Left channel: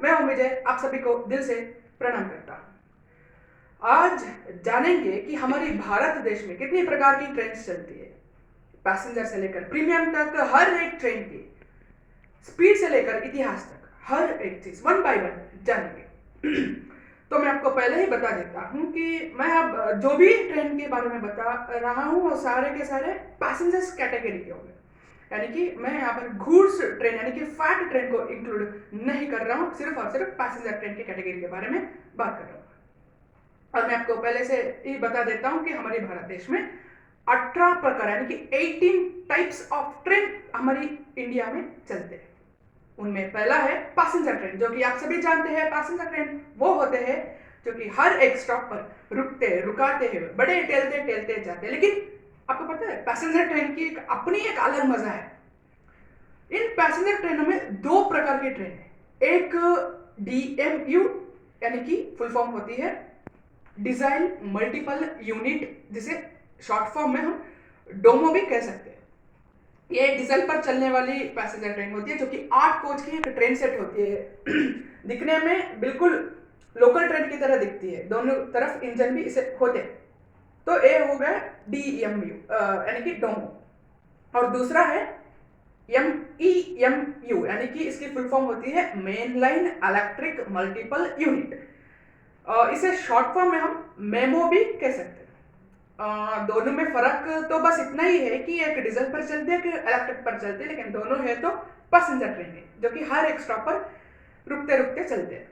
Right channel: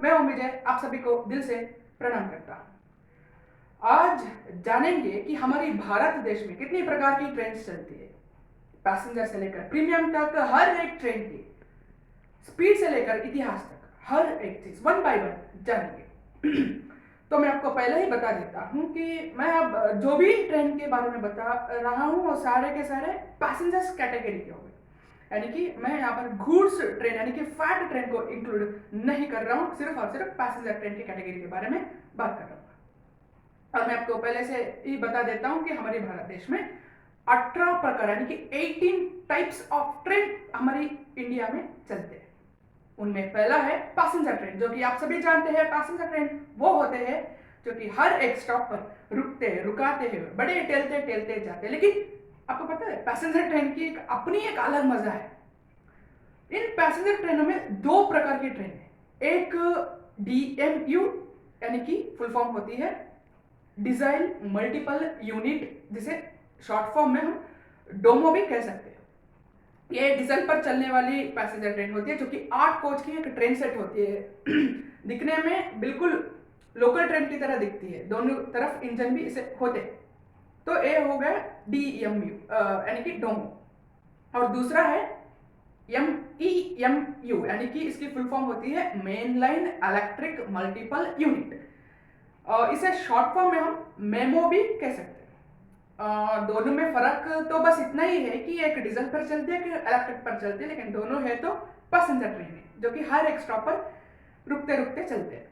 मैं हूं विजय, आप सभी को दिल से प्रणाम करता हूं। आज जानेंगे कि हमारी भारत देश में कितनी प्रकार की ट्रेन चलती है। पैसेंजर से लेकर प्रीमियम तक हर एक ट्रेन की स्पीड से लेकर इतिहास तक हर एक चीज वन बाय वन जानेंगे। तो मैं आपको पहले ही बता देता हूं कि मैं अब जो भी ट्रेन के बारे में बता रहा हूं वो सारे के सारे पैसेंजर्स कैटेगरी के होंगे। यानी कि मैं यहाँ पर गुड्स ट्रेन यानी कि फैट ट्रेन को इंक्लूड नहीं कर रहा हूँ, सिर्फ और सिर्फ पैसेंजर ट्रेन की कैटेगरी के बारे में बात कर रहा हूँ। और मैं आपको पहले से ही बता देता हूँ कि हमारे भारत देश में 18 प्रकार यानी कि 18 टाइप्स ऑफ ट्रेन हमारी इंडिया में चलते हैं। उनमें पहला है पैसेंजर ट्रेन, जो कि आप सभी जानते हैं। पैसेंजर ट्रेन वो होते हैं जो कि हर एक स्टॉप पर रुकते रुकाते हैं, बड़े टेलते टेलते जाते हैं। लेकिन आपको पता है पैसेंजर ट्रेन की अपनी एक अलग मजा है। इन पैसेंजर ट्रेनों में दो प्रकार की ट्रेन है। एक DMU यानी कि फुल फॉर्म होती है डिजाइन मल्टीपल यूनिट, जिसे शॉर्ट फॉर्म में हम डोमो भी कह सकते हैं। ये डीजल पर चलने वाली पैसेंजर ट्रेन होती है जो कि 8 कोच की एक ट्रेन सेट होती है। दिखने में बिल्कुल लोकल ट्रेन की तरह दिखती है, दोनों तरफ इंजन भी इसे होते हैं। तो ये हो गया DMU यानी कि डोमो। और दूसरा है MEMU यानी कि इसकी फुल फॉर्म होती है main line electric multiple unit. इसे शॉर्ट फॉर्म में हम मेमो भी कह सकते हैं। दोनों में फर्क तो बस इतना ही है कि एक डीजल पर चलती है, एक इलेक्ट्रिक पर चलती है, लेकिन दोनों है तो पैसेंजर ट्रेन है जो कि हर एक स्टॉप पर रुकते रुकते चलते हैं।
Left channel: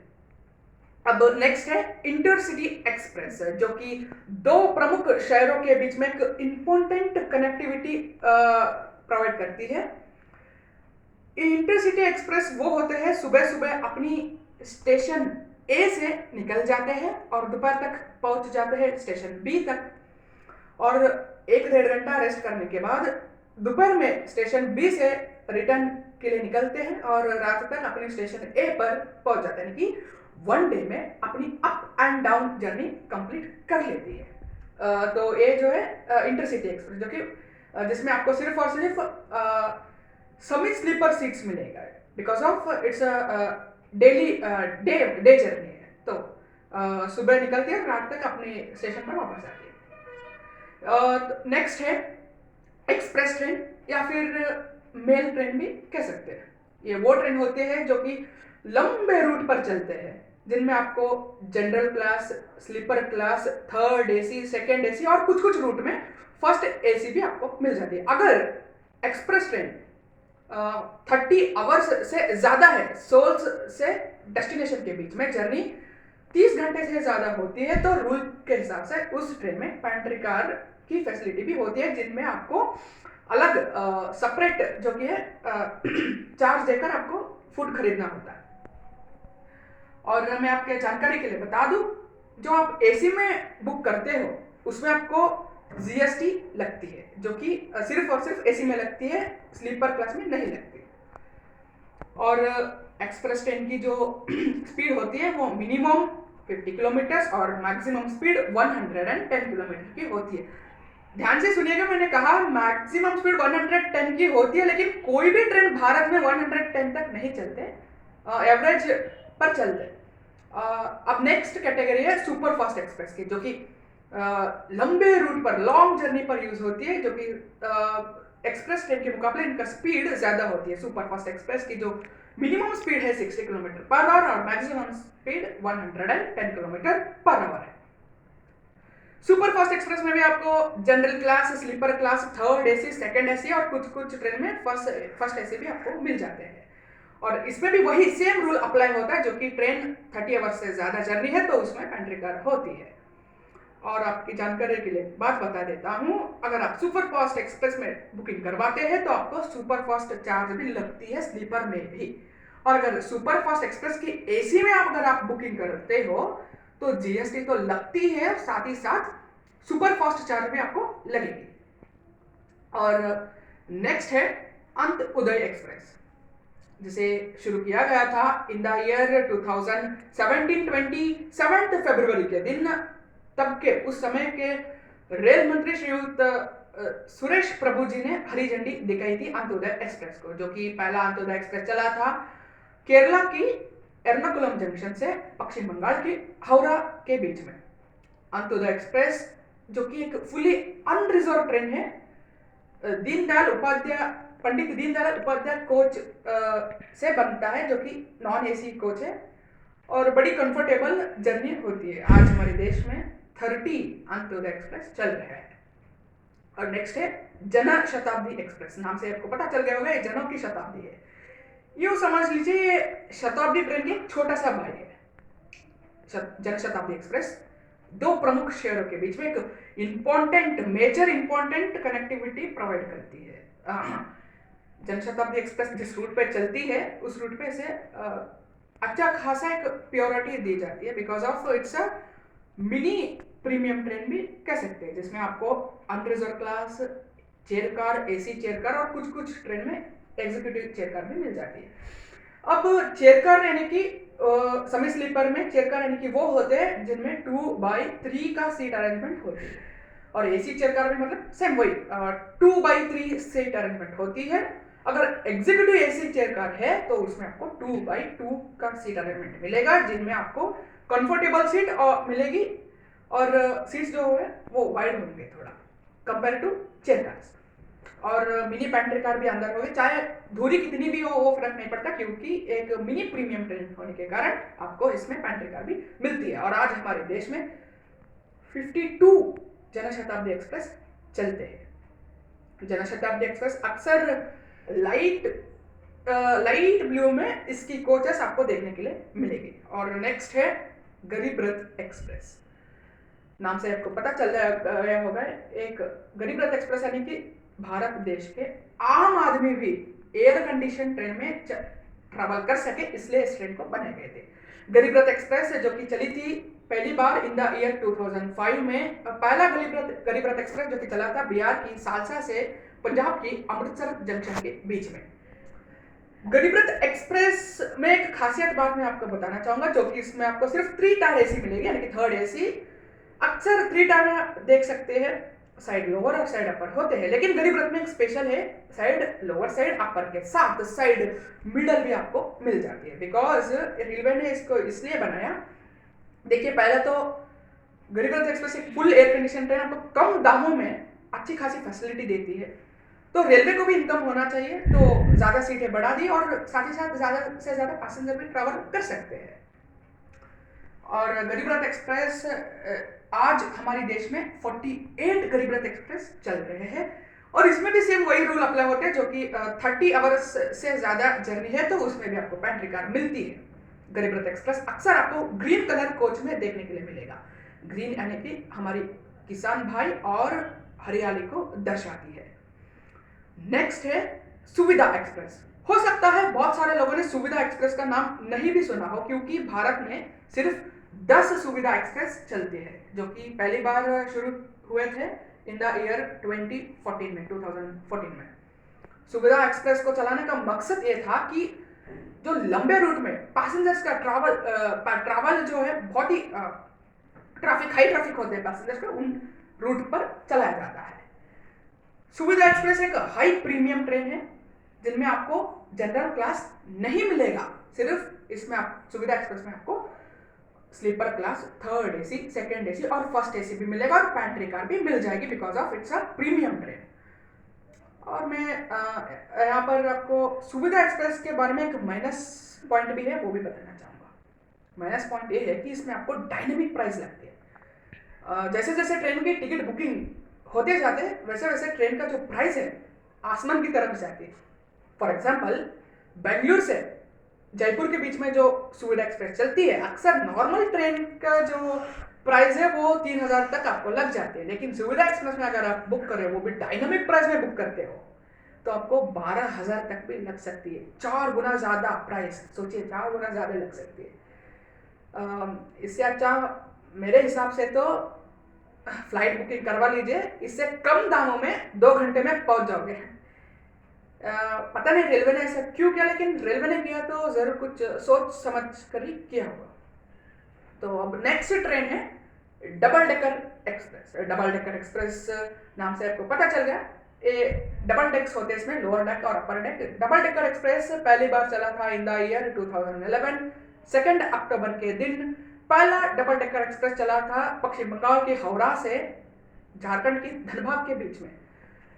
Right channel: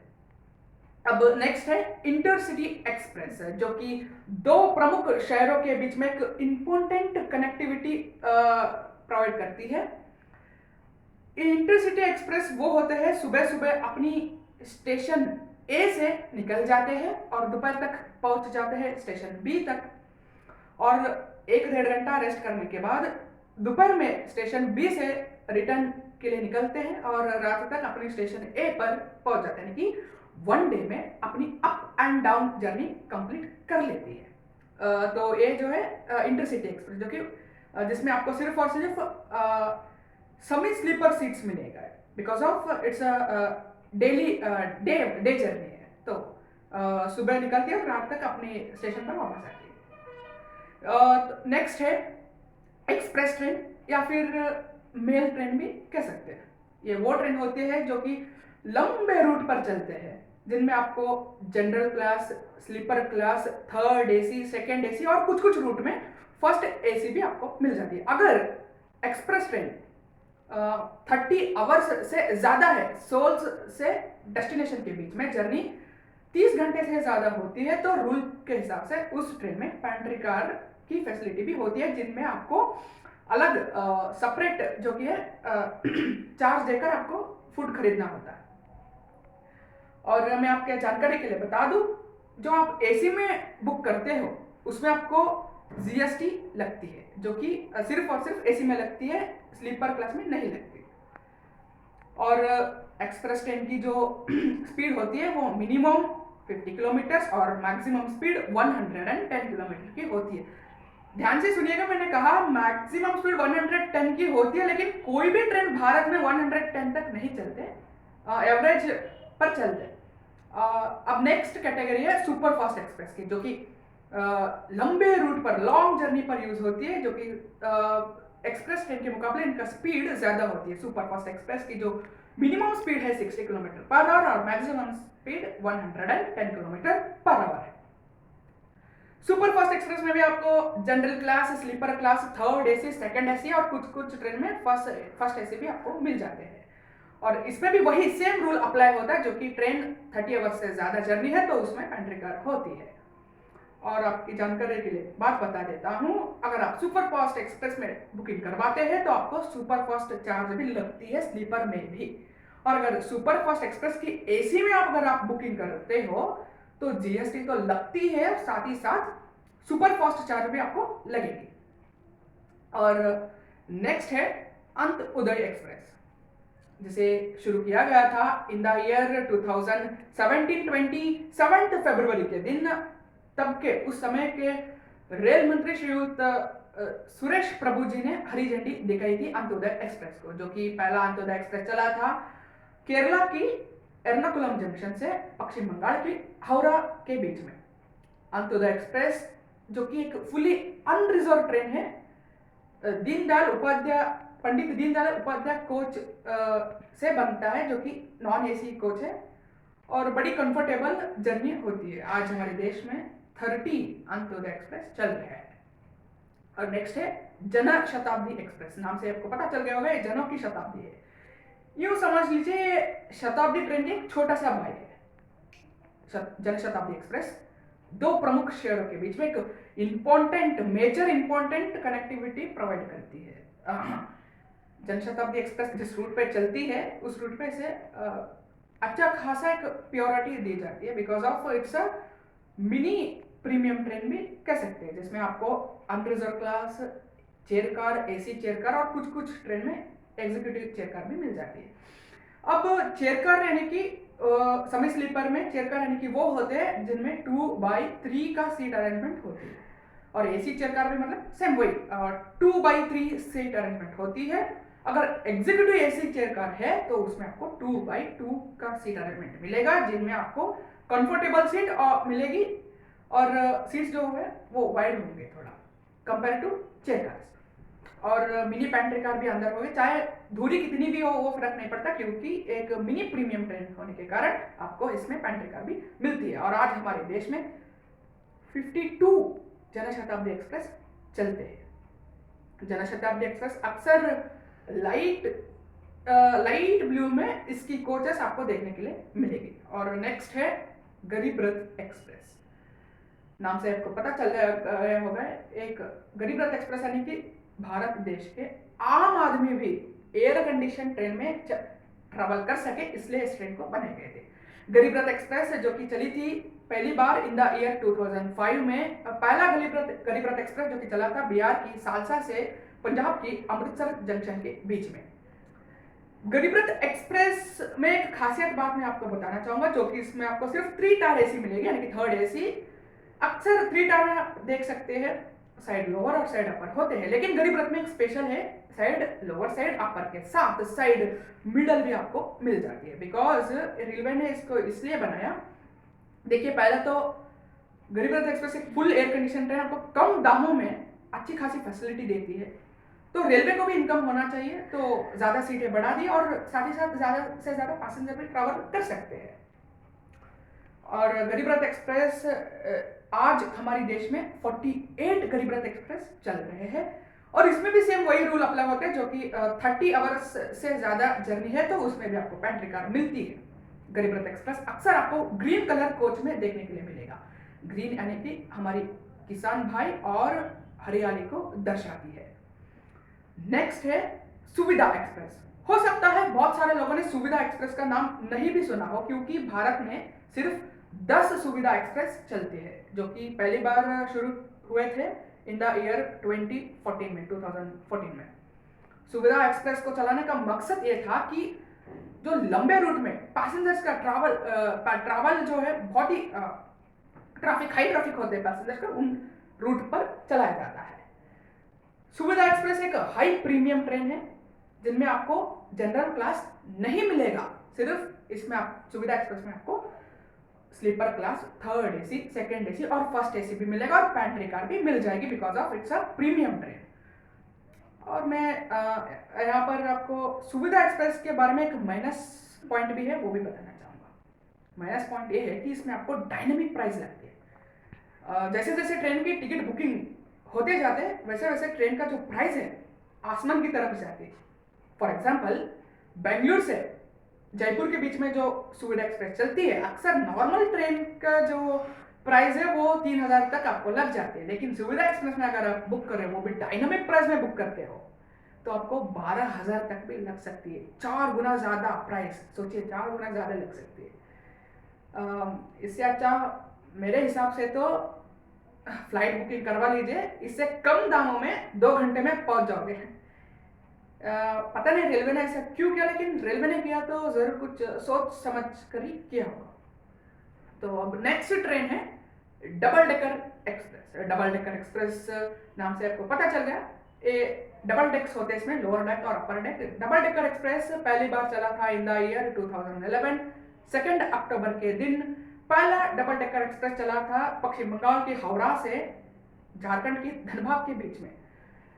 अब नेक्स्ट है इंटरसिटी एक्सप्रेस, जो कि दो प्रमुख शहरों के बीच में एक इंपॉर्टेंट कनेक्टिविटी प्रोवाइड करती है। इंटरसिटी एक्सप्रेस वो होते हैं सुबह सुबह अपनी स्टेशन ए से निकल जाते हैं और दोपहर तक पहुंच जाते हैं स्टेशन बी तक, और 1-1.5 घंटा रेस्ट करने के बाद दोपहर में स्टेशन बी से रिटर्न के लिए निकलते हैं और रात तक अपने स्टेशन ए पर पहुंच जाते हैं, कि वन डे में अपनी up and down journey complete कर लेती है। तो ये जो है इंटरसिटी एक्सप्रेस, जो कि जिसमें आपको सिर्फ और सिर्फ समी स्लीपर सीट्स मिलेगा, because of it's daily day journey है। तो सुबह निकलती है और रात तक अपने स्टेशन पर वापस आती है। नेक्स्ट है एक्सप्रेस ट्रेन या फिर मेल ट्रेन भी कह सकते हैं। ये वो ट्रेन होते हैं जो कि लंबे रूट पर चलते हैं, जिनमें आपको general class, sleeper class, third AC, second AC और कुछ कुछ रूट में फर्स्ट AC भी आपको मिल जाती है। अगर एक्सप्रेस ट्रेन 30 आवर्स से ज़्यादा है, सोल्स से डेस्टिनेशन के बीच में जर्नी 30 घंटे से ज़्यादा होती है, तो रूल के हिसाब से उस ट्रेन में पैंट्री कार की फैसिलिटी भी होती है, जिनमें आपको अलग सेपरेट जो कि है चार्ज देकर आपको फूड खरीदना होता है। और मैं आपके जानकारी के लिए बता दूं, जो आप AC में बुक करते हो उसमें आपको GST लगती है, जो कि सिर्फ और सिर्फ AC में लगती है, स्लीपर क्लास में नहीं लगती। और एक्सप्रेस ट्रेन की जो स्पीड होती है वो मिनिमम 50 किलोमीटर और मैक्सिमम स्पीड 110 किलोमीटर की होती है। ध्यान से सुनिएगा, मैंने कहा मैक्सिमम स्पीड 110 की होती है, लेकिन कोई भी ट्रेन भारत में 110 तक नहीं चलते, एवरेज पर चलते। अब नेक्स्ट कैटेगरी है सुपर फास्ट एक्सप्रेस की, जो कि लंबे रूट पर लॉन्ग जर्नी पर यूज होती है, जो कि एक्सप्रेस ट्रेन के मुकाबले इनका स्पीड ज्यादा होती है। सुपर फास्ट एक्सप्रेस की जो मिनिमम स्पीड है 60 किलोमीटर पर आवर और maximum speed 110 kilometre per hour है। सुपर फास्ट एक्सप्रेस में भी आपको general class, sleeper class, third AC, second AC और कुछ कुछ ट्रेन में फर्स्ट AC भी आपको मिल जाते हैं। और इसमें भी वही सेम रूल अप्लाई होता है, जो कि ट्रेन 30 आवर्स से ज्यादा जर्नी है तो उसमें पैंट्री कार होती है। और आपकी जानकारी के लिए बात बता देता हूँ, अगर आप सुपर फास्ट एक्सप्रेस में बुकिंग करवाते हैं तो आपको सुपर फास्ट चार्ज भी लगती है, स्लीपर में भी। और अगर सुपर फास्ट एक्सप्रेस की AC में अगर आप बुकिंग करते हो तो GST तो लगती है, साथ ही साथ सुपर फास्ट चार्ज भी आपको लगेगी। और नेक्स्ट है अंत उदय एक्सप्रेस, जिसे शुरू किया गया था इन द ईयर 2017-20 7 फरवरी के दिन। तब के उस समय के रेल मंत्री श्रीयुत सुरेश प्रभु जी ने हरी झंडी दिखाई थी अंत्योदय एक्सप्रेस को, जो कि पहला अंत्योदय एक्सप्रेस चला था केरला की एर्नाकुलम जंक्शन से पश्चिम बंगाल की हावड़ा के बीच में। अंत्योदय एक्सप्रेस जो कि एक फुली अनरिजर्व ट्रेन है, पंडित दीनदयाल उपाध्याय कोच से बनता है, जो कि नॉन एसी कोच है और बड़ी कंफर्टेबल जर्नी होती है। आज हमारे देश में 30 अंत्योदय एक्सप्रेस चल रहे हैं। और नेक्स्ट है जन शताब्दी एक्सप्रेस। नाम से आपको पता चल गया होगा, जनों की शताब्दी है। यूँ समझ लीजिए शताब्दी ट्रेन के एक छोटा सा भाई है। जन शताब्दी एक्सप्रेस दो प्रमुख शहरों के बीच में एक मेजर इंपॉर्टेंट कनेक्टिविटी प्रोवाइड करती है। जन शताब्दी एक्सप्रेस जिस रूट पे चलती है उस रूट पे से अच्छा खासा एक प्योरिटी दी जाती है, because of its a mini premium train भी कह सकते हैं, जिसमें आपको unreserve class chair car, AC chair car और कुछ कुछ ट्रेन में एग्जीक्यूटिव चेयर कार भी मिल जाती है। अब चेयर कार यानी कि सेमी स्लीपर में चेयर कार यानी कि वो होते हैं जिनमें 2/3 का सीट अरेंजमेंट होती है, और एसी चेयर कार भी मतलब सेम वही 2/3 सीट अरेंजमेंट होती है। अगर एग्जीक्यूटिव एसी चेयर कार है तो उसमें आपको 2/2 का सीट अरेंजमेंट मिलेगा, जिनमें आपको कंफर्टेबल सीट मिलेगी और सीट्स जो है वो वाइड होंगे थोड़ा कंपेयर टू चेयर कार्स। और मिनी पैंट्री कार भी अंदर होगी, चाहे दूरी कितनी भी हो वो फर्क नहीं पड़ता, क्योंकि एक मिनी प्रीमियम ट्रेन होने के कारण आपको इसमें पैंट्री कार भी मिलती है। और आज हमारे देश में 52 जन शताब्दी एक्सप्रेस चलते हैं। जन शताब्दी एक्सप्रेस अक्सर लाइट ब्लू में इसकी कोचेस आपको देखने के लिए मिलेगी। और नेक्स्ट है गरीब रथ एक्सप्रेस। नाम से आपको पता चल गया होगा, एक गरीब रथ एक्सप्रेस यानी कि भारत देश के आम आदमी भी एयर कंडीशन ट्रेन में ट्रैवल कर सके, इसलिए इस ट्रेन को बनाए गए थे। गरीब रथ एक्सप्रेस जो कि चली थी पहली बार इन द ईयर 2005 में। पहला गरीब रथ एक्सप्रेस जो कि चला था बिहार की सालसा से पंजाब की अमृतसर जंक्शन के बीच में। गरीब रथ एक्सप्रेस में एक खासियत बात मैं आपको बताना चाहूंगा, जो कि इसमें आपको सिर्फ 3 टायर एसी मिलेगी, यानी कि थर्ड एसी। अक्सर 3 टायर देख सकते हैं, साइड लोअर और साइड अपर होते हैं, लेकिन गरीब रथ में एक स्पेशल है, साइड लोअर साइड अपर के साथ साइड मिडल भी आपको मिल जाती है, बिकॉज रेलवे ने इसको इसलिए बनाया। देखिए पहले तो गरीब रथ एक्सप्रेस एक फुल एयर कंडीशन ट्रेन आपको कम दामों में अच्छी खासी फैसिलिटी देती है, तो रेलवे को भी इनकम होना चाहिए, तो ज़्यादा सीटें बढ़ा दी और साथ ही साथ ज़्यादा से ज़्यादा पैसेंजर भी ट्रैवल कर सकते हैं। और गरीब रथ एक्सप्रेस आज हमारे देश में 48 गरीब रथ एक्सप्रेस चल रहे हैं, और इसमें भी सेम वही रूल अप्लाई होते हैं, जो कि 30 आवर्स से ज़्यादा जर्नी है तो उसमें भी आपको पैंट्री कार मिलती है। गरीब रथ एक्सप्रेस अक्सर आपको ग्रीन कलर कोच में देखने के लिए मिलेगा। ग्रीन यानी कि हमारी किसान भाई और हरियाली को दर्शाती है। नेक्स्ट है सुविधा एक्सप्रेस। हो सकता है बहुत सारे लोगों ने सुविधा एक्सप्रेस का नाम नहीं भी सुना हो, क्योंकि भारत में सिर्फ 10 सुविधा एक्सप्रेस चलते हैं, जो कि पहली बार शुरू हुए थे इन द ईयर 2014 में। सुविधा एक्सप्रेस को चलाने का मकसद ये था कि जो लंबे रूट में पैसेंजर्स का ट्रैवल जो है बहुत ही हाई ट्रैफिक होते हैं पैसेंजर्स का, उन रूट पर चलाया जाता है। सुविधा एक्सप्रेस एक हाई प्रीमियम ट्रेन है, जिनमें आपको जनरल क्लास नहीं मिलेगा, सिर्फ इसमें आप सुविधा एक्सप्रेस में आपको sleeper class, third AC, second AC और फर्स्ट एसी भी मिलेगा, और पैंट्री कार भी मिल जाएगी, because of its a premium train. और मैं यहाँ पर आपको सुविधा एक्सप्रेस के बारे में एक माइनस पॉइंट भी है, वो भी बताना चाहूँगा। माइनस पॉइंट ये है कि इसमें आपको डायनेमिक प्राइस लगती है। जैसे जैसे ट्रेन की टिकट बुकिंग होते जाते हैं, वैसे वैसे ट्रेन का जो प्राइस है आसमान की तरफ जाती है। फॉर एग्जाम्पल बेंगलुरु से जयपुर के बीच में जो सुविधा एक्सप्रेस चलती है, अक्सर नॉर्मल ट्रेन का जो प्राइस है वो 3000 तक आपको लग जाते हैं, लेकिन सुविधा एक्सप्रेस में अगर आप बुक कर रहे हो, वो भी डायनामिक प्राइस में बुक करते हो, तो आपको 12000 तक भी लग सकती है। 4 गुना ज़्यादा प्राइस, सोचिए 4 गुना ज़्यादा लग सकती है। इससे अच्छा मेरे हिसाब से तो फ्लाइट बुकिंग करवा लीजिए, इससे कम दामों में 2 घंटे में पहुंच जाओगे। पता नहीं रेलवे ने ऐसा क्यों किया, लेकिन रेलवे ने किया तो ज़रूर कुछ सोच समझ कर ही किया होगा। तो अब नेक्स्ट ट्रेन है double decker express. Double decker express नाम से आपको पता चल गया, ये डबल डेक्स होते हैं, इसमें लोअर डेक और अपर डेक। डबल डेकर एक्सप्रेस पहली बार चला था इन द ईयर 2011 2 अक्टूबर के दिन पहला डबल डेकर एक्सप्रेस चला था पश्चिम बंगाल के हावड़ा से झारखंड के धनबाद के बीच में।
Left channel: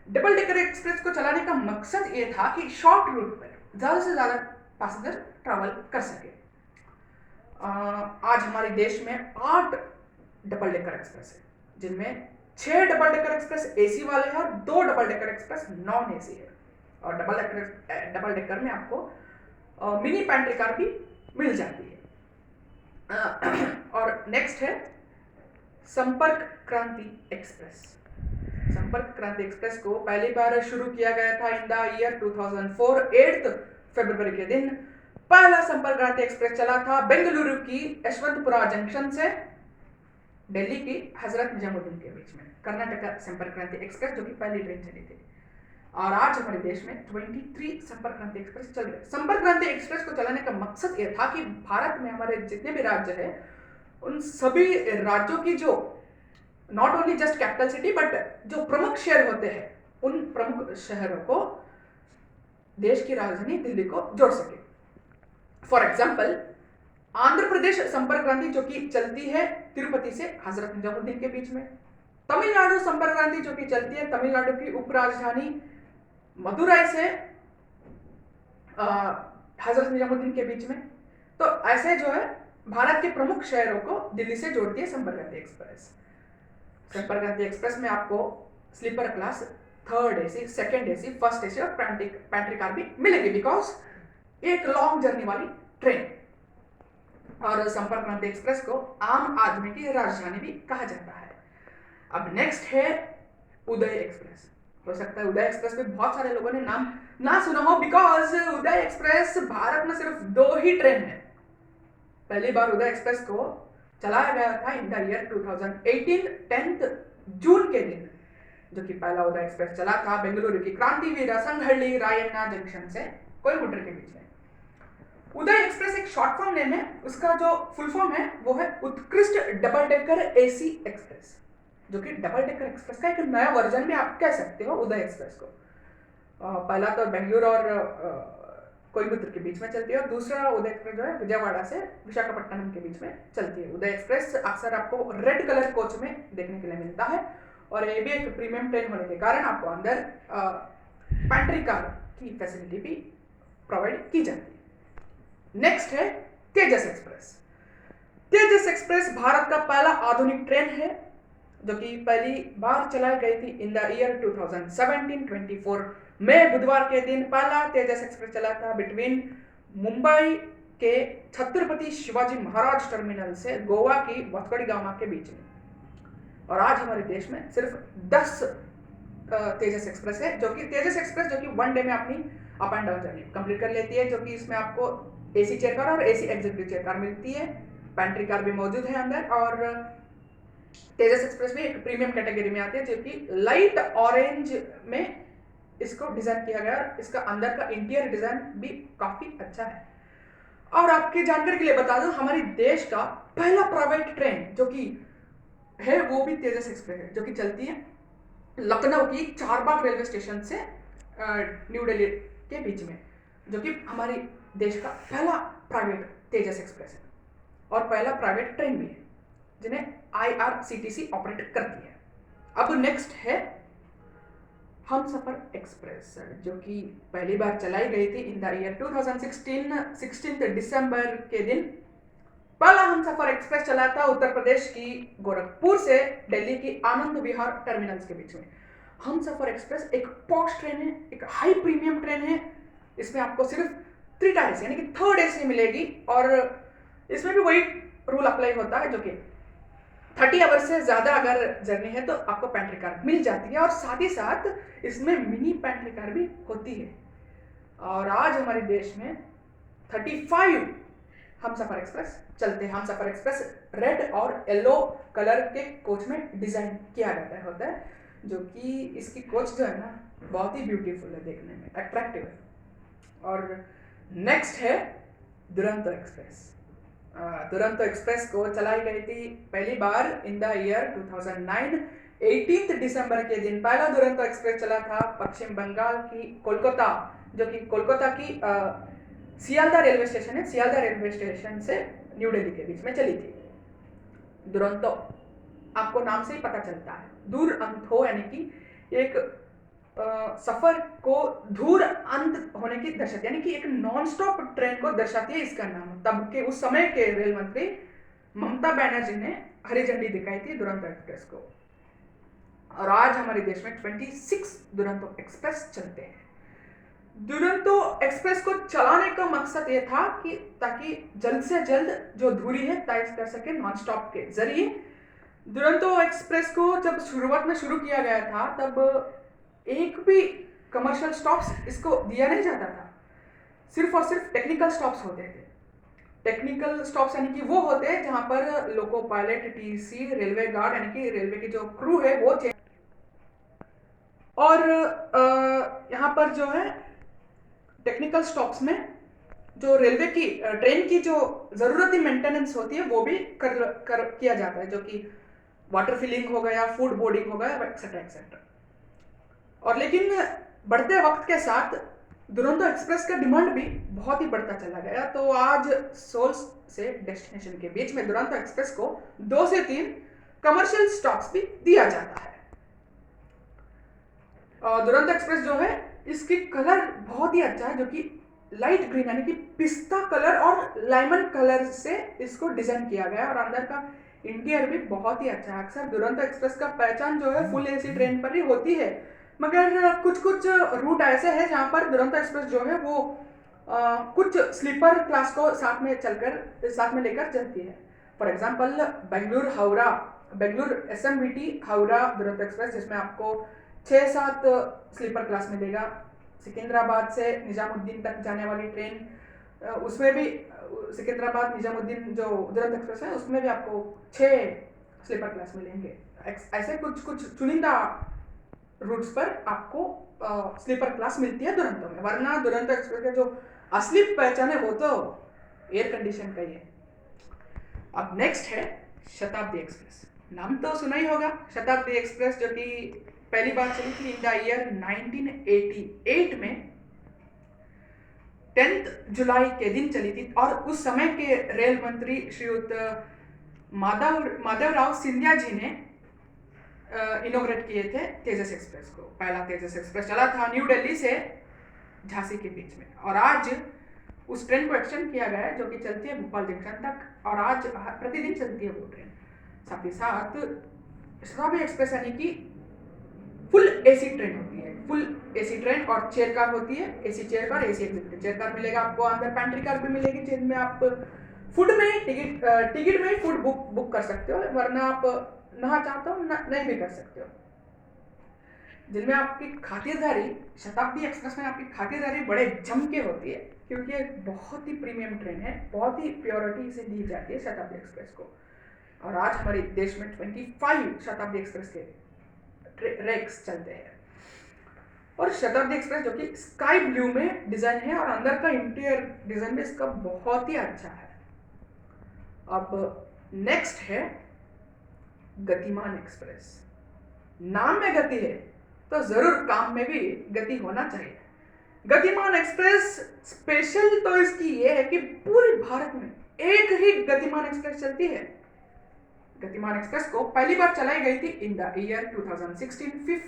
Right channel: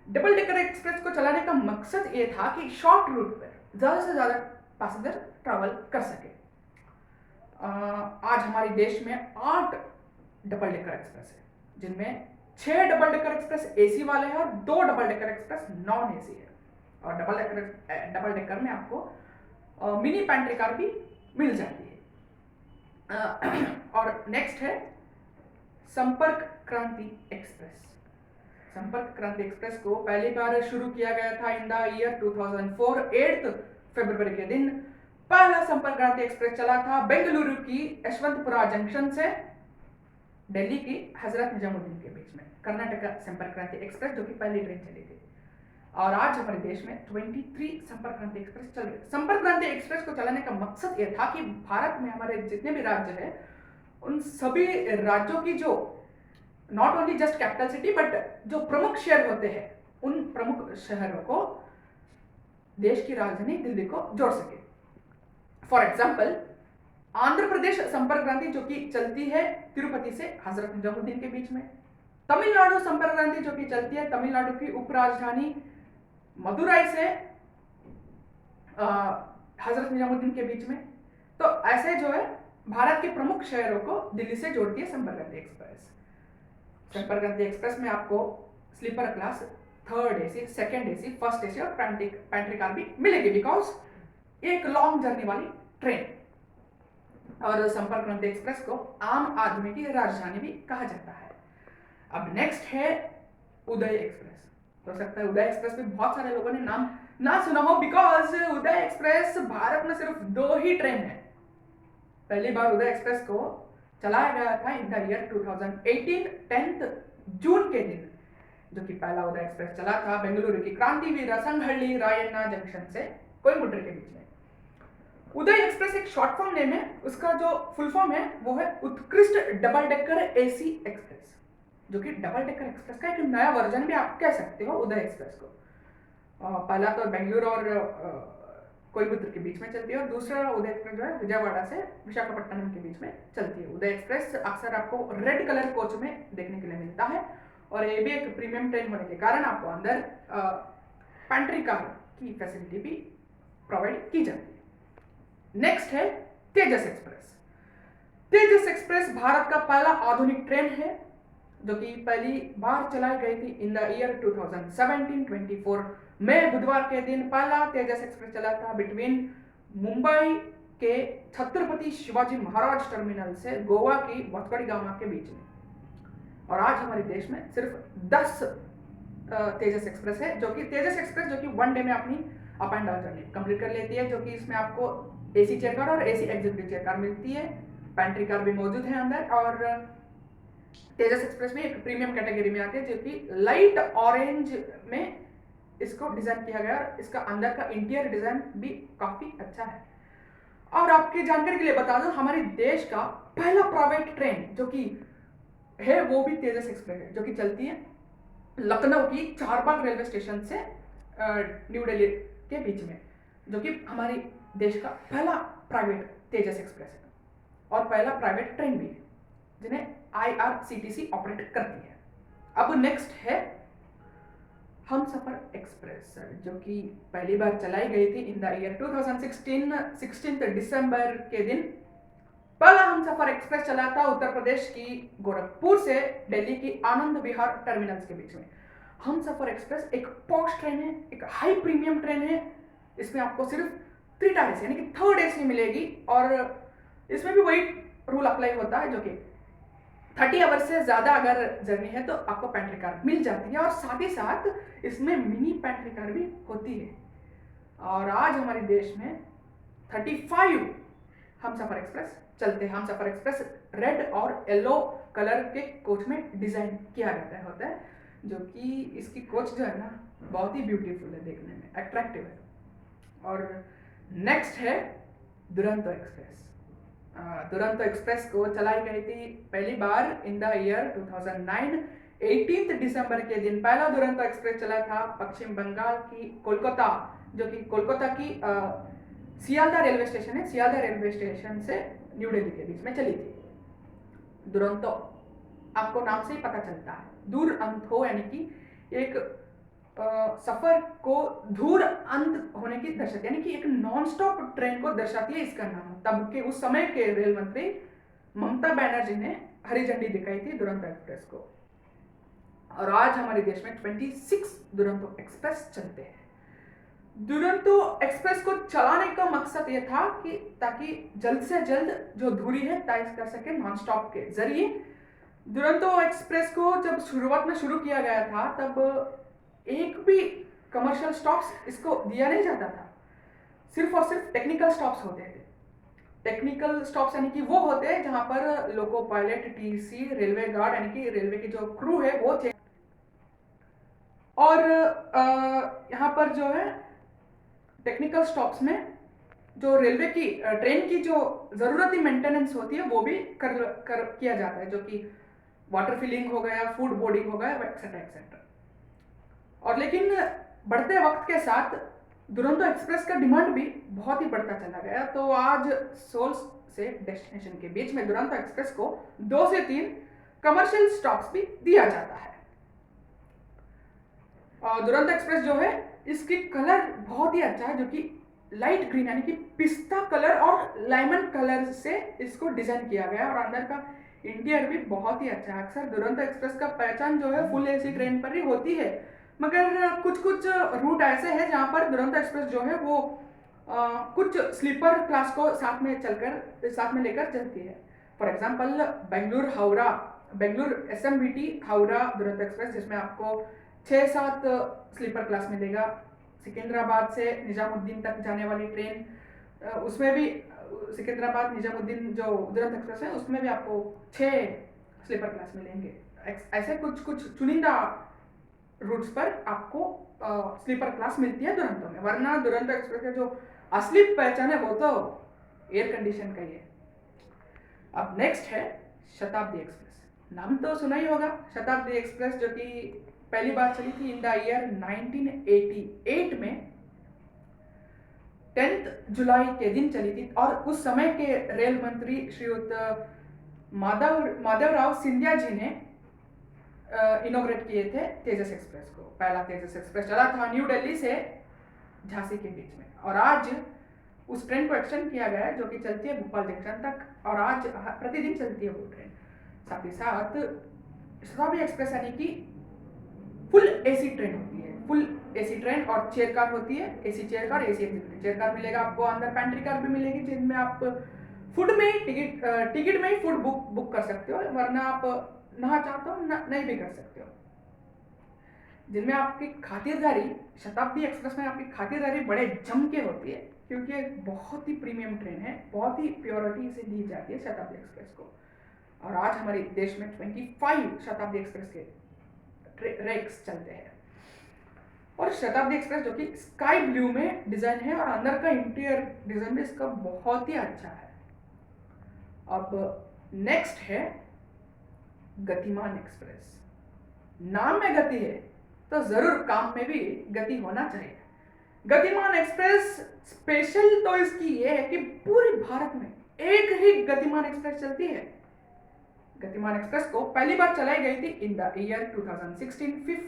डबल डेकर एक्सप्रेस को चलाने का मकसद ये था कि शॉर्ट रूट पर ज़्यादा से ज़्यादा पैसेंजर ट्रैवल कर सके। आज हमारे देश में 8 डबल डेकर एक्सप्रेस है, जिनमें 6 डबल डेकर एक्सप्रेस एसी वाले हैं और 2 double decker express non AC है। और डबल डेकर में आपको मिनी पैंट्री कार भी मिल जाती है। और नेक्स्ट है संपर्क क्रांति एक्सप्रेस। संपर्क क्रांति एक्सप्रेस को पहली बार शुरू किया गया था इन द ईयर 2004 8 फरवरी के दिन पहला संपर्क क्रांति एक्सप्रेस चला था बेंगलुरु की यशवंतपुरा जंक्शन से दिल्ली की हजरत निजामुद्दीन के बीच में। कर्नाटका संपर्क क्रांति एक्सप्रेस जो कि पहली ट्रेन चली थी। और आज हमारे देश में 23 संपर्क क्रांति एक्सप्रेस चल रहे। संपर्क क्रांति एक्सप्रेस को चलाने का मकसद यह था कि भारत में हमारे जितने भी राज्य है उन सभी राज्यों की जो not only just capital city but जो प्रमुख शहर होते हैं उन प्रमुख शहरों को देश की राजधानी दिल्ली को जोड़ सके। फॉर एग्जाम्पल आंध्र प्रदेश संपर्क क्रांति जो कि चलती है तिरुपति से हजरत निजामुद्दीन के बीच में। तमिलनाडु संपर्क क्रांति जो कि चलती है तमिलनाडु की उपराजधानी मदुराई से हजरत निजामुद्दीन के बीच में। तो ऐसे जो है भारत के प्रमुख शहरों को दिल्ली से जोड़ती है संपर्क क्रांति एक्सप्रेस। संपर्क क्रांति एक्सप्रेस में आपको sleeper class, third AC, second AC, first AC और पैंट्री कार भी मिलेगी बिकॉज एक लॉन्ग जर्नी वाली ट्रेन। और संपर्क क्रांति एक्सप्रेस को आम आदमी की राजधानी भी कहा जाता है। अब नेक्स्ट है उदय एक्सप्रेस। हो सकता है उदय एक्सप्रेस में बहुत सारे लोगों ने नाम ना सुना हो बिकॉज उदय एक्सप्रेस भारत में सिर्फ 2 ही ट्रेन है। पहली बार उदय एक्सप्रेस को चलाया गया था इन द ईयर 2018 10 जून के दिन, जो कि पहला उदय एक्सप्रेस चला था बेंगलुरु की क्रांतिवीर संगहल्ली रायण्णा जंक्शन से कोयम्बटूर के बीच में। उदय एक्सप्रेस एक शॉर्ट फॉर्म नेम है, उसका जो फुल फॉर्म है वो है उत्कृष्ट डबल डेकर एसी एक्सप्रेस, जो कि डबल डेकर एक्सप्रेस का एक नया वर्जन भी आप कह सकते हो उदय एक्सप्रेस को। पहला तो बेंगलुरु और कोयम्बटूर के बीच में चलती है और दूसरा उदय एक्सप्रेस जो है विजयवाड़ा से विशाखापट्टनम के बीच में चलती है। उदय एक्सप्रेस अक्सर आपको रेड कलर कोच में देखने के लिए मिलता है और ये भी एक प्रीमियम ट्रेन होने के कारण आपको अंदर पैंट्री कार की फैसिलिटी भी प्रोवाइड की जाती है। नेक्स्ट है तेजस एक्सप्रेस। तेजस एक्सप्रेस भारत का पहला आधुनिक ट्रेन है जो कि पहली बार चलाई गई थी इन द ईयर 2017 24 में बुधवार के दिन पहला तेजस एक्सप्रेस चला था बिटवीन मुंबई के छत्रपति शिवाजी महाराज टर्मिनल से गोवा की वास्को डी गामा के बीच में। और आज हमारे देश में सिर्फ 10 तेजस एक्सप्रेस है, जो कि तेजस एक्सप्रेस जो कि 1 डे में अपनी up and down journey complete कर लेती है, जो कि इसमें आपको एसी चेयर कार और एसी एग्जीक्यूटिव चेयर कार मिलती है। पैंट्री कार भी मौजूद है अंदर। और तेजस एक्सप्रेस में एक प्रीमियम कैटेगरी में आती है जो कि लाइट ऑरेंज में इसको डिजाइन किया गया और इसका अंदर का इंटीरियर डिजाइन भी काफी अच्छा है। और आपकी जानकारी के लिए बता दूं हमारे देश का पहला प्राइवेट ट्रेन जो कि है वो भी तेजस एक्सप्रेस है, जो कि चलती है लखनऊ की चारबाग रेलवे स्टेशन से न्यू दिल्ली के बीच में, जो कि हमारी देश का पहला प्राइवेट तेजस एक्सप्रेस है और पहला प्राइवेट ट्रेन भी है जिन्हें IRCTC ऑपरेट करती है। अब नेक्स्ट है हमसफर एक्सप्रेस, जो कि पहली बार चलाई गई थी इन द ईयर 2016 16 दिसंबर के दिन पहला हमसफर एक्सप्रेस चला था उत्तर प्रदेश की गोरखपुर से दिल्ली की आनंद विहार टर्मिनल्स के बीच में। हमसफर एक्सप्रेस एक पॉश ट्रेन है, एक हाई प्रीमियम ट्रेन है। इसमें आपको सिर्फ 3 टायर्स यानी कि थर्ड एसी मिलेगी और इसमें भी वही रूल अप्लाई होता है जो कि 30 आवर से ज़्यादा अगर जर्नी है तो आपको पैंट्री कार मिल जाती है और साथ ही साथ इसमें मिनी पैंट्री कार भी होती है। और आज हमारे देश में 35 हमसफर एक्सप्रेस चलते हैं। हमसफर एक्सप्रेस रेड और येलो कलर के कोच में डिज़ाइन किया जाता होता है, जो कि इसकी कोच जो है ना बहुत ही ब्यूटीफुल है, देखने में अट्रैक्टिव है। और नेक्स्ट है दुरंतो एक्सप्रेस। दुरंतो एक्सप्रेस को चलाई गई थी पहली बार इन द ईयर 2009 18 दिसंबर के दिन पहला दुरंतो एक्सप्रेस चला था पश्चिम बंगाल की कोलकाता, जो कि कोलकाता की सियालदह रेलवे स्टेशन है, सियालदह रेलवे स्टेशन से न्यू दिल्ली के बीच में चली थी। दुरंतो आपको नाम से ही पता चलता है, दूर अंत हो यानी कि एक सफर को दूर अंत होने की दर्शाती है, यानी कि एक नॉन स्टॉप ट्रेन को दर्शाती है इसका नाम। तब के उस समय के रेल मंत्री ममता बनर्जी ने हरी झंडी दिखाई थी दुरंतो एक्सप्रेस को। और आज हमारे देश में 26 दुरंतो एक्सप्रेस चलते हैं। दुरंतो एक्सप्रेस को चलाने का मकसद ये था कि ताकि जल्द से जल्द जो दूरी है तय कर सके नॉन स्टॉप के जरिए। दुरंतो एक्सप्रेस को जब शुरुआत में शुरू किया गया था तब एक भी कमर्शियल स्टॉप्स इसको दिया नहीं जाता था, सिर्फ और सिर्फ टेक्निकल स्टॉप्स होते थे। टेक्निकल स्टॉप्स यानी कि वो होते हैं जहां पर loco pilot, TC, railway guard यानी कि रेलवे की जो क्रू है वो चेक, और यहाँ पर जो है टेक्निकल स्टॉप्स में जो रेलवे की ट्रेन की जो ज़रूरती मेंटेनेंस होती है वो भी कर किया जाता है, जो कि वाटर फिलिंग हो गया, फूड बोर्डिंग हो गया, एक्सेट्रा एक्सेट्रा। और लेकिन बढ़ते वक्त के साथ दुरंतो एक्सप्रेस का डिमांड भी बहुत ही बढ़ता चला गया, तो आज सोल्स से डेस्टिनेशन के बीच में दुरंतो एक्सप्रेस को 2 से 3 कमर्शियल स्टॉप्स भी दिया जाता है। दुरंतो एक्सप्रेस जो है इसकी कलर बहुत ही अच्छा है, जो कि लाइट ग्रीन यानी कि पिस्ता कलर और लेमन कलर से इसको डिजाइन किया गया, और अंदर का इंटीरियर भी बहुत ही अच्छा है। अक्सर दुरंतो एक्सप्रेस का पहचान जो है फुल एसी ट्रेन पर ही होती है, मगर कुछ कुछ रूट ऐसे हैं जहाँ पर दुरंतो एक्सप्रेस जो है वो कुछ स्लीपर क्लास को साथ में लेकर चलती है। For example Bengaluru SMBT Howrah Duronto express, जिसमें आपको 6-7 स्लीपर क्लास मिलेगा। सिकंदराबाद से निजामुद्दीन तक जाने वाली ट्रेन, उसमें भी सिकंदराबाद निजामुद्दीन जो दुरंतो एक्सप्रेस है उसमें भी आपको 6 स्लीपर क्लास मिलेंगे। ऐसे कुछ कुछ चुनिंदा रूट्स पर आपको स्लीपर क्लास मिलती है दुरंतो में, वरना दुरंतो एक्सप्रेस का जो असली पहचान है वो तो एयर कंडीशन का ही है। अब नेक्स्ट है शताब्दी एक्सप्रेस। नाम तो सुना ही होगा, शताब्दी एक्सप्रेस, जो कि पहली बार चली थी इन द ईयर 1988 में 10 जुलाई के दिन चली थी, और उस समय के रेल मंत्री श्रीयुत माधवराव सिंधिया जी ने इनोग्रेट किए थे तेजस एक्सप्रेस को। पहला तेजस एक्सप्रेस चला था न्यू दिल्ली से झांसी के बीच में, और आज उस ट्रेन को एक्सटेंड किया गया है, जो कि चलती है भोपाल जंक्शन तक, और आज प्रतिदिन चलती है वो ट्रेन। साथ ही साथ शताब्दी एक्सप्रेस यानी कि फुल एसी ट्रेन होती है, फुल एसी ट्रेन, और चेयर कार होती है, AC chair car, AC executive chair car मिलेगा आपको। अंदर पैंट्री कार भी मिलेगी, जिनमें आप फूड में ही टिकट में ही फूड बुक कर सकते हो, वरना आप ना चाहते हो नहीं भी कर सकते हो। जिनमें आपकी खातिरदारी, शताब्दी एक्सप्रेस में आपकी खातिरदारी बड़े जम के होती है, क्योंकि एक बहुत ही प्रीमियम ट्रेन है, बहुत ही प्योरिटी से दी जाती है शताब्दी एक्सप्रेस को। और आज हमारे देश में 25 शताब्दी एक्सप्रेस के रेक्स चलते हैं। और शताब्दी एक्सप्रेस जो कि स्काई ब्लू में डिजाइन है, और अंदर का इंटीरियर डिजाइन भी इसका बहुत ही अच्छा है। अब नेक्स्ट है गतिमान एक्सप्रेस। नाम में गति है तो जरूर काम में भी गति होना चाहिए। गतिमान एक्सप्रेस स्पेशल तो इसकी ये है कि पूरे भारत में एक ही गतिमान एक्सप्रेस चलती है। गतिमान एक्सप्रेस को पहली बार चलाई गई थी इन द ईयर 2016 5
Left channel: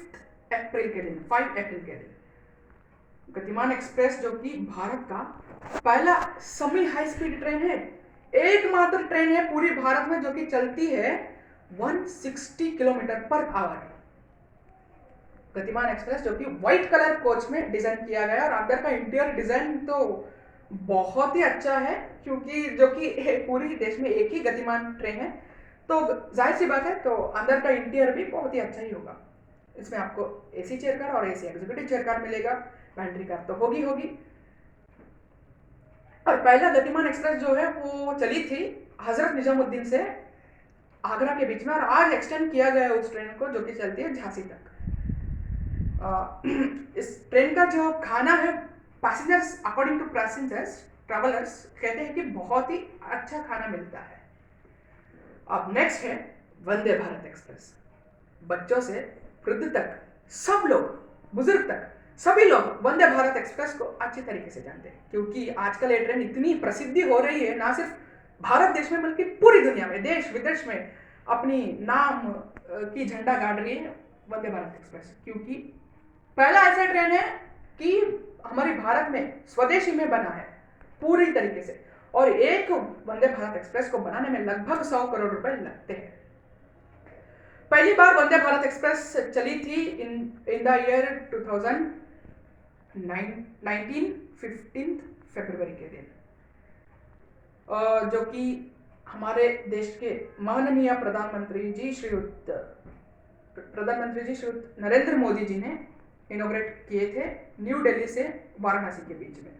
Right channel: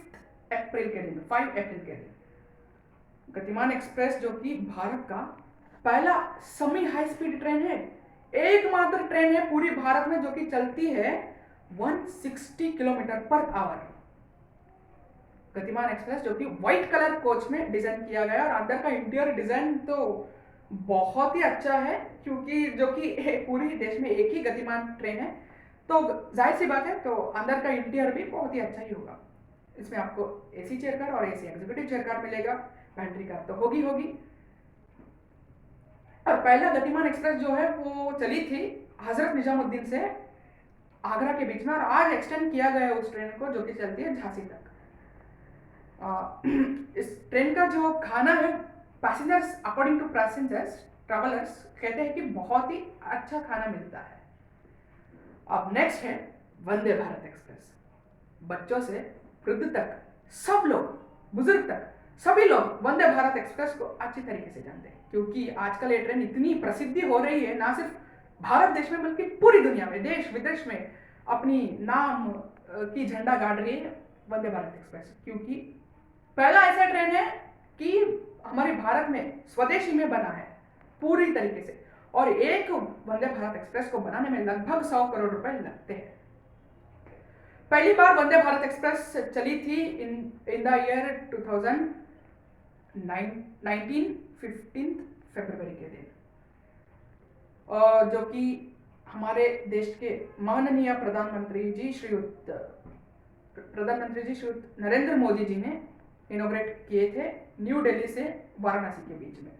अप्रैल के दिन, 5 अप्रैल के दिन। गतिमान एक्सप्रेस जो कि भारत का पहला सेमी हाई स्पीड ट्रेन है, एकमात्र ट्रेन है पूरी भारत में जो कि चलती है 160 किलोमीटर पर आवर। गतिमान एक्सप्रेस जो कि व्हाइट कलर कोच में डिजाइन किया गया है, और अंदर का इंटीरियर डिजाइन तो बहुत ही अच्छा है, क्योंकि जो कि पूरी देश में एक ही गतिमान ट्रेन है, तो जाहिर सी बात है तो अंदर का इंटीरियर भी बहुत ही अच्छा ही होगा। इसमें आपको एसी चेयर कार और एसी एग्जीक्यूटिव चेयर कार मिलेगा, पैंट्री कार तो होगी। और पहला गतिमान एक्सप्रेस जो है वो चली थी हजरत निजामुद्दीन से आगरा के बीच में, और आज एक्सटेंड किया गया उस ट्रेन को, जो कि चलती है झांसी तक। इस ट्रेन का जो खाना है, passengers according to passengers travellers कहते हैं कि बहुत ही अच्छा खाना मिलता है। अब नेक्स्ट है वंदे भारत एक्सप्रेस। बच्चों से वृद्ध तक सब लोग, बुजुर्ग तक सभी लोग वंदे भारत एक्सप्रेस को अच्छी तरीके से जानते हैं, क्योंकि आजकल ये ट्रेन इतनी प्रसिद्धि हो रही है, ना सिर्फ भारत देश में बल्कि पूरी दुनिया में, देश विदेश में अपनी नाम की झंडा गाड़ रही है वंदे भारत एक्सप्रेस। क्योंकि पहला ऐसा ट्रेन है कि हमारे भारत में स्वदेशी में बना है पूरी तरीके से, और एक वंदे भारत एक्सप्रेस को बनाने में लगभग 100 करोड़ रुपए लगते हैं। पहली बार वंदे भारत एक्सप्रेस चली थी इन द ईयर 15 फरवरी के दिन, जो कि हमारे देश के माननीय प्रधानमंत्री जी श्रीयुत नरेंद्र मोदी जी ने इनोग्रेट किए थे न्यू दिल्ली से वाराणसी के बीच में।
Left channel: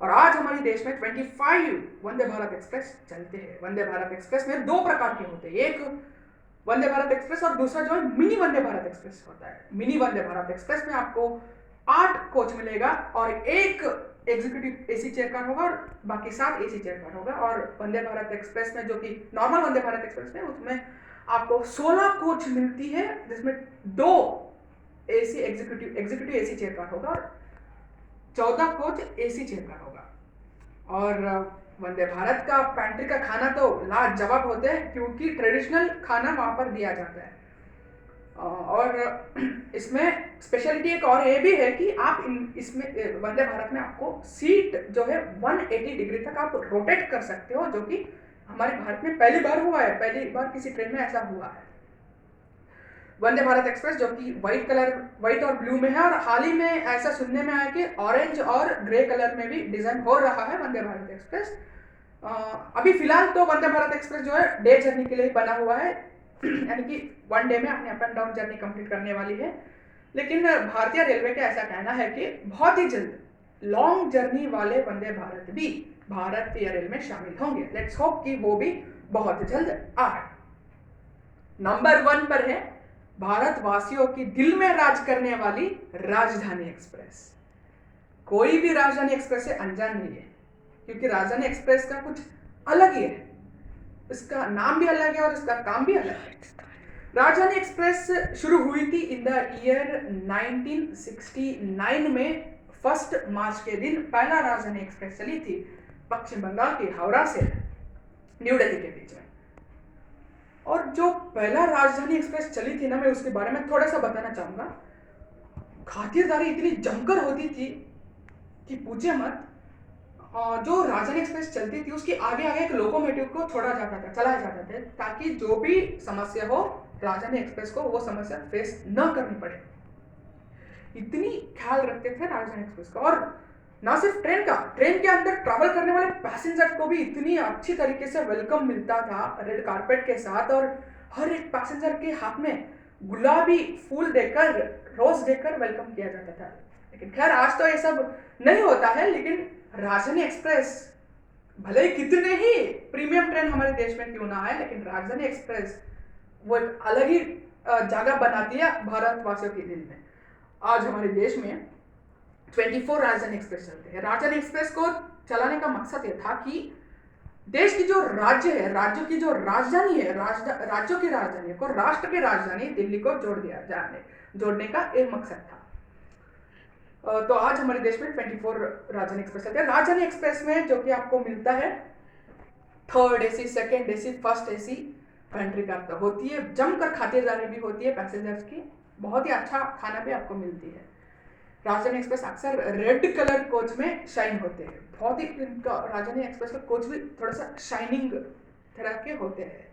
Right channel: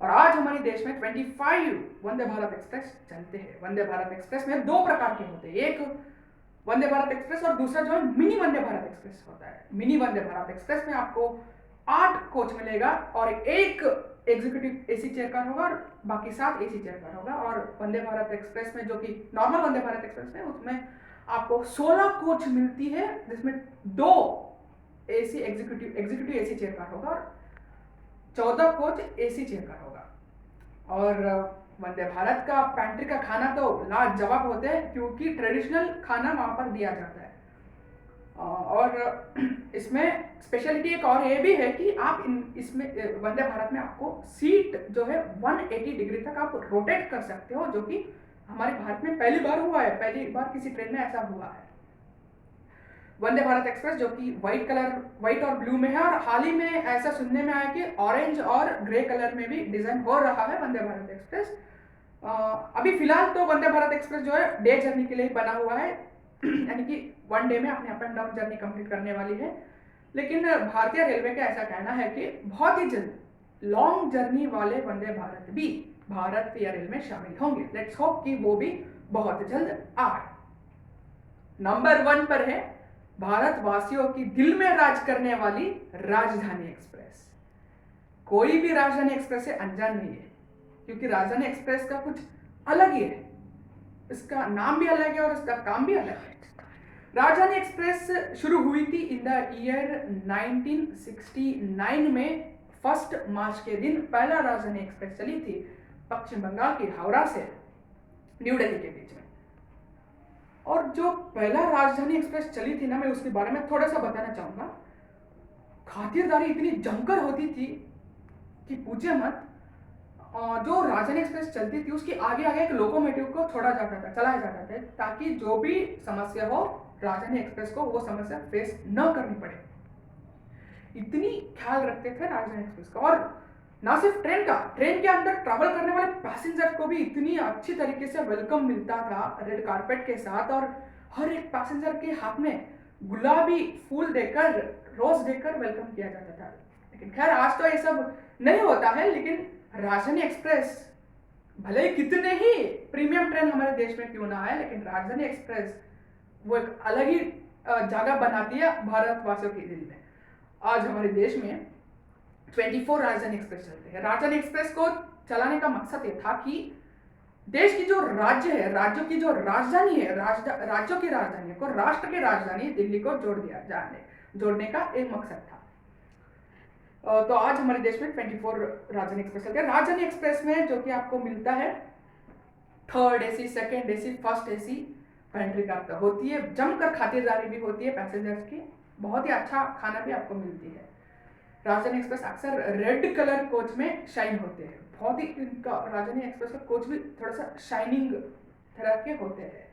और आज हमारे देश में 25 वंदे भारत एक्सप्रेस चलते हैं। वंदे भारत एक्सप्रेस में दो प्रकार के होते हैं, एक वंदे भारत एक्सप्रेस और दूसरा जो है मिनी वंदे भारत एक्सप्रेस होता है। मिनी वंदे भारत एक्सप्रेस में आपको 8 कोच मिलेगा और एक एग्जीक्यूटिव एसी चेयर कार होगा और बाकी 7 एसी चेयर कार होगा। और वंदे भारत एक्सप्रेस में, जो कि नॉर्मल वंदे भारत एक्सप्रेस में, उसमें आपको 16 कोच मिलती है, जिसमें 2 AC executive AC chair car होगा और 14 कोच एसी चेयर कार होगा। और वंदे भारत का पैंट्री का खाना तो लाजवाब होते हैं, क्योंकि ट्रेडिशनल खाना वहाँ पर दिया जाता है। और इसमें स्पेशलिटी एक और ये भी है कि आप इसमें वंदे भारत में आपको सीट जो है 180 डिग्री तक आप रोटेट कर सकते हो, जो कि हमारे भारत में पहली बार हुआ है, पहली बार किसी ट्रेन में ऐसा हुआ है। वंदे भारत एक्सप्रेस जो कि व्हाइट और ब्लू में है, और हाल ही में ऐसा सुनने में आया कि ऑरेंज और ग्रे कलर में भी डिजाइन हो रहा है वंदे भारत एक्सप्रेस। अभी फिलहाल तो वंदे भारत एक्सप्रेस जो है डे जर्नी के लिए बना हुआ है, यानी कि 1 डे में अपनी up and down journey complete करने वाली है। लेकिन भारतीय रेलवे का ऐसा कहना है कि बहुत ही जल्द लॉन्ग जर्नी वाले वंदे भारत भी भारतीय रेल में शामिल होंगे। लेट्स होप कि वो भी बहुत जल्द आए। नंबर 1 पर है भारतवासियों की दिल में राज करने वाली राजधानी एक्सप्रेस। कोई भी राजधानी एक्सप्रेस से अनजान नहीं है, क्योंकि राजधानी एक्सप्रेस का कुछ अलग ही है, इसका नाम भी अलग है और इसका काम भी अलग है। राजधानी एक्सप्रेस शुरू हुई थी इन द ईयर 1969 में। 1 मार्च के दिन पहला राजधानी एक्सप्रेस चली थी पश्चिम बंगाल के हावड़ा से न्यू दिल्ली के बीच में। और जो पहला राजधानी एक्सप्रेस चली थी ना, मैं उसके बारे में थोड़ा सा बताना चाहूंगा। खातिरदारी इतनी जमकर होती थी कि पूछे मत। जो राजधानी एक्सप्रेस चलती थी उसके आगे आगे एक लोकोमोटिव को चलाया जाता था, ताकि जो भी समस्या हो राजधानी एक्सप्रेस को वो समस्या फेस न करनी पड़े। इतनी ख्याल रखते थे राजधानी एक्सप्रेस का। और ना सिर्फ ट्रेन के अंदर ट्रैवल करने वाले पैसेंजर को भी इतनी अच्छी तरीके से वेलकम मिलता था रेड कारपेट के साथ, और हर एक पैसेंजर के हाथ में गुलाबी फूल देकर, रोज देकर वेलकम किया जाता था। लेकिन खैर आज तो ये सब नहीं होता है। लेकिन राजधानी एक्सप्रेस भले ही कितने ही प्रीमियम ट्रेन हमारे देश में क्यों ना आए, लेकिन राजधानी एक्सप्रेस वो एक अलग ही जगह बनाती है भारतवासियों के दिल में। आज हमारे देश में 24 राजधानी एक्सप्रेस चलते हैं। राजधानी एक्सप्रेस को चलाने का मकसद ये था कि देश की जो राज्य है, राज्यों की जो राजधानी है, राज्यों की राजधानी को राष्ट्र की राजधानी दिल्ली को जोड़ने का एक मकसद था। तो आज हमारे देश में 24 राजधानी एक्सप्रेस चलते हैं। राजधानी एक्सप्रेस में जो कि आपको मिलता है 3rd AC, 2nd AC, 1st AC pantry car होती है। जमकर खातिरदारी भी होती है पैसेंजर्स की, बहुत ही अच्छा खाना भी आपको मिलती है। राजधानी एक्सप्रेस अक्सर रेड कलर कोच में शाइन होते हैं। बहुत ही इनका राजधानी एक्सप्रेस का कोच भी थोड़ा सा शाइनिंग तरह के होते हैं।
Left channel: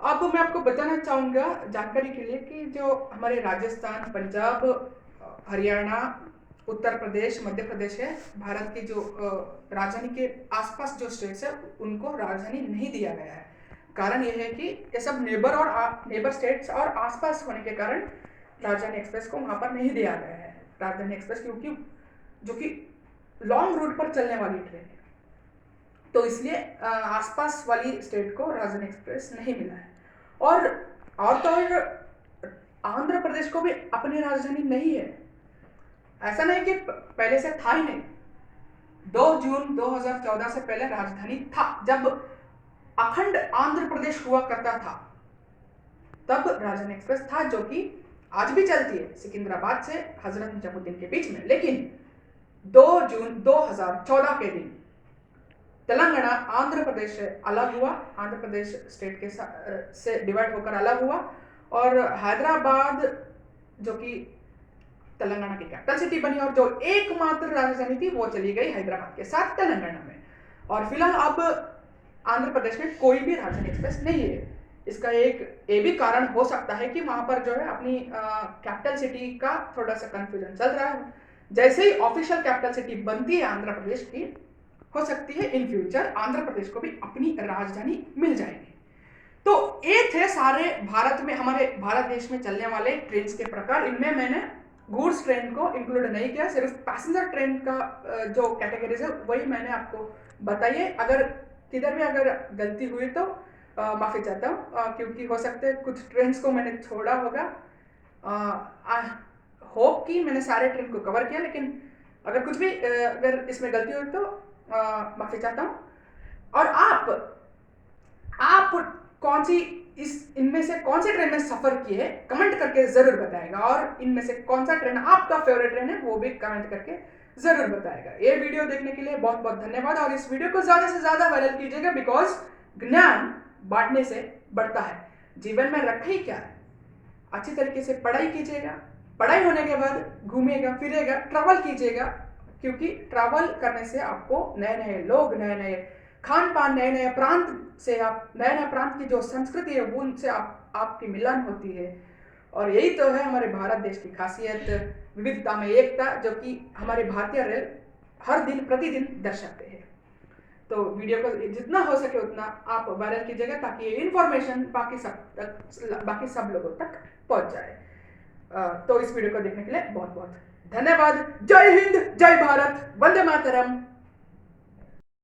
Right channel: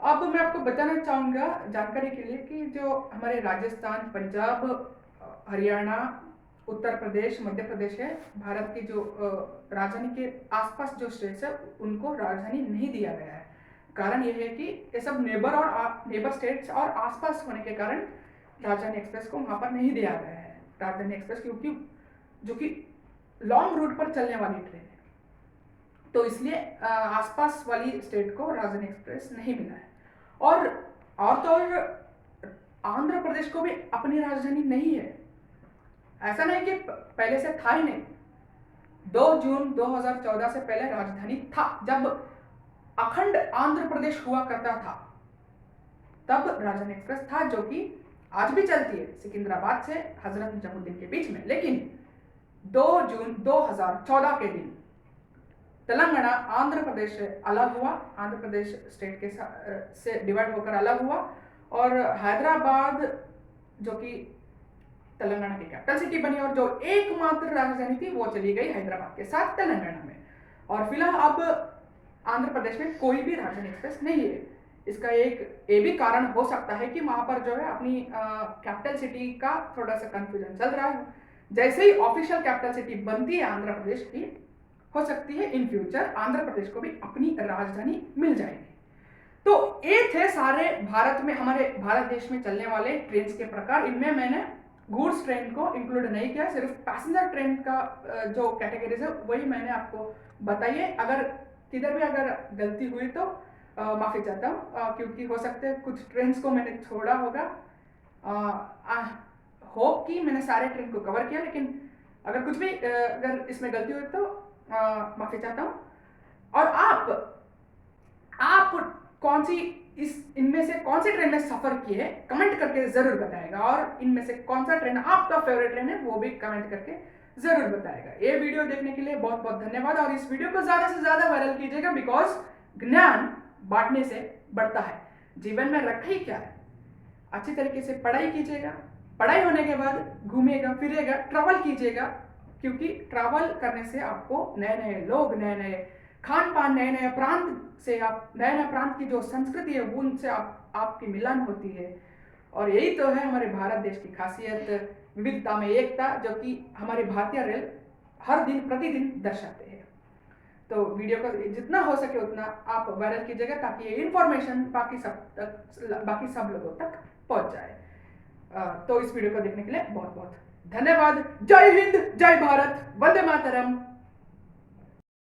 अब मैं आपको बताना चाहूँगा जानकारी के लिए कि जो हमारे राजस्थान, पंजाब, हरियाणा, उत्तर प्रदेश, मध्य प्रदेश है, भारत की जो राजधानी के आसपास जो स्टेट्स है उनको राजधानी नहीं दिया गया है। कारण यह है कि ये सब नेबर स्टेट्स और आसपास होने के कारण राजधानी एक्सप्रेस को वहाँ पर नहीं दिया गया है राजधानी एक्सप्रेस, क्योंकि जो कि लॉन्ग रूट पर चलने वाली ट्रेन है, तो इसलिए आसपास वाली स्टेट को राजधानी एक्सप्रेस नहीं मिला है। और तो आंध्र प्रदेश को भी अपनी राजधानी नहीं है। ऐसा नहीं कि पहले से था ही नहीं। 2 जून 2014 से पहले राजधानी था। जब अखंड आंध्र प्रदेश हुआ करता था तब राजधानी एक्सप्रेस था, जो कि आज भी चलती है सिकंदराबाद से हजरत निजामुद्दीन के बीच में। लेकिन 2 जून 2014 के दिन तेलंगाना आंध्र प्रदेश से अलग हुआ, आंध्र प्रदेश स्टेट के से डिवाइड होकर अलग हुआ और हैदराबाद जो कि तेलंगाना की कैपिटल सिटी बनी और जो एकमात्र राजधानी थी वो चली गई हैदराबाद के साथ तेलंगाना में। और फिलहाल अब आंध्र प्रदेश में कोई भी राजधानी एक्सप्रेस नहीं है। इसका एक ये भी कारण हो सकता है कि वहां पर जो है अपनी कैपिटल सिटी का थोड़ा सा कंफ्यूजन चल रहा है। जैसे ही ऑफिशियल कैपिटल सिटी बनती है आंध्र प्रदेश की, हो सकती है इन फ्यूचर आंध्र प्रदेश को भी अपनी राजधानी मिल जाएगी। तो ये थे सारे भारत में, हमारे भारत देश में चलने वाले ट्रेन के प्रकार। इनमें मैंने गुड्स ट्रेन को इंक्लूड नहीं किया, सिर्फ पैसेंजर ट्रेन का जो कैटेगरीज है वही मैंने आपको बताई है। अगर किधर भी अगर गलती हुई तो माफ़ी चाहता हूँ, क्योंकि हो सकता है कुछ ट्रेन को मैंने छोड़ा होगा। होप कि मैंने सारे ट्रेन को कवर किया, लेकिन अगर कुछ भी अगर इसमें गलती हुई तो माफ़ी चाहता हूँ। और आप कौन सी इनमें से कौन सी ट्रेन में सफ़र किए कमेंट करके ज़रूर बताएगा, और इनमें से कौन सा ट्रेन आपका फेवरेट ट्रेन है वो भी कमेंट करके ज़रूर बताएगा। ये वीडियो देखने के लिए बहुत बहुत धन्यवाद, और इस वीडियो को ज़्यादा से ज़्यादा वायरल कीजिएगा, बिकॉज ज्ञान बांटने से बढ़ता है। जीवन में रखे ही क्या है, अच्छी तरीके से पढ़ाई कीजिएगा, पढ़ाई होने के बाद घूमिएगा फिरिएगा, ट्रैवल कीजिएगा, क्योंकि ट्रैवल करने से आपको नए नए लोग, नए नए खान पान, नए नए प्रांत से आप नए नए प्रांत की जो संस्कृति है उनसे आपकी मिलन होती है। और यही तो है हमारे भारत देश की खासियत, विविधता में एकता, जो कि हमारे भारतीय रेल हर दिन प्रतिदिन दर्शाते हैं। तो वीडियो को जितना हो सके उतना आप वायरल कीजिएगा, ताकि ये इन्फॉर्मेशन बाकी सब लोगों तक पहुंच जाए। तो इस वीडियो को देखने के लिए बहुत बहुत धन्यवाद। जय हिंद, जय भारत, वंदे मातरम।